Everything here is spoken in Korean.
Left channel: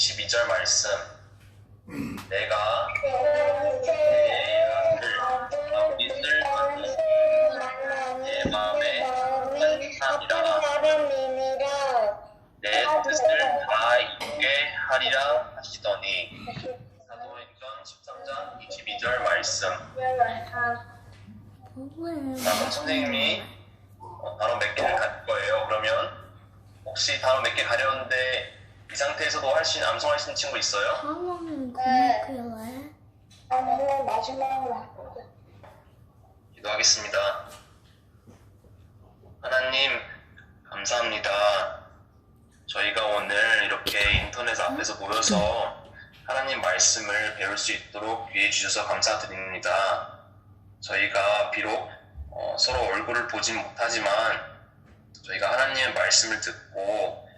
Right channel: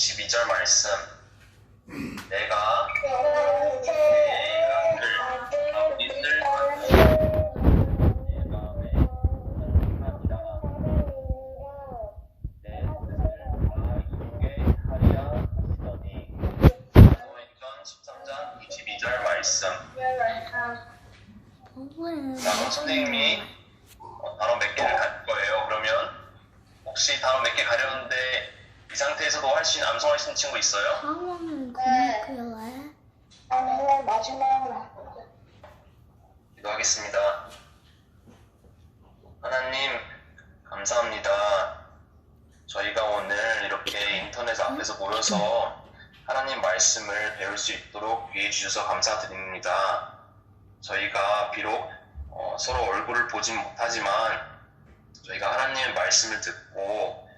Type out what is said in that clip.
22절 말씀 내가 내 아들 아버지를 받는 내 마음에 한함이라 내 뜻을 다 이루게 하리라 하시더니 고린전 13장 22절 말씀 나도 선생님이 바로 몇 개를 갈 거예요 그러면 혹시 다음 몇 개 가려는데 상태에서도 할수 있는 암송할 수 있는 친구 있어요? 상황은 그만큼래 나는 마지막으로 할 거야. 기도하겠습니다. 하나님, 감사합니다. 저희가 오늘 이렇게 인터넷 앞에서 모여서 하나님 말씀을 배울 수 있도록 기회 주셔서 감사드립니다. 저희가 비록 어, 서로 얼굴을 보진 못하지만 저희가 하나님의 말씀을 듣고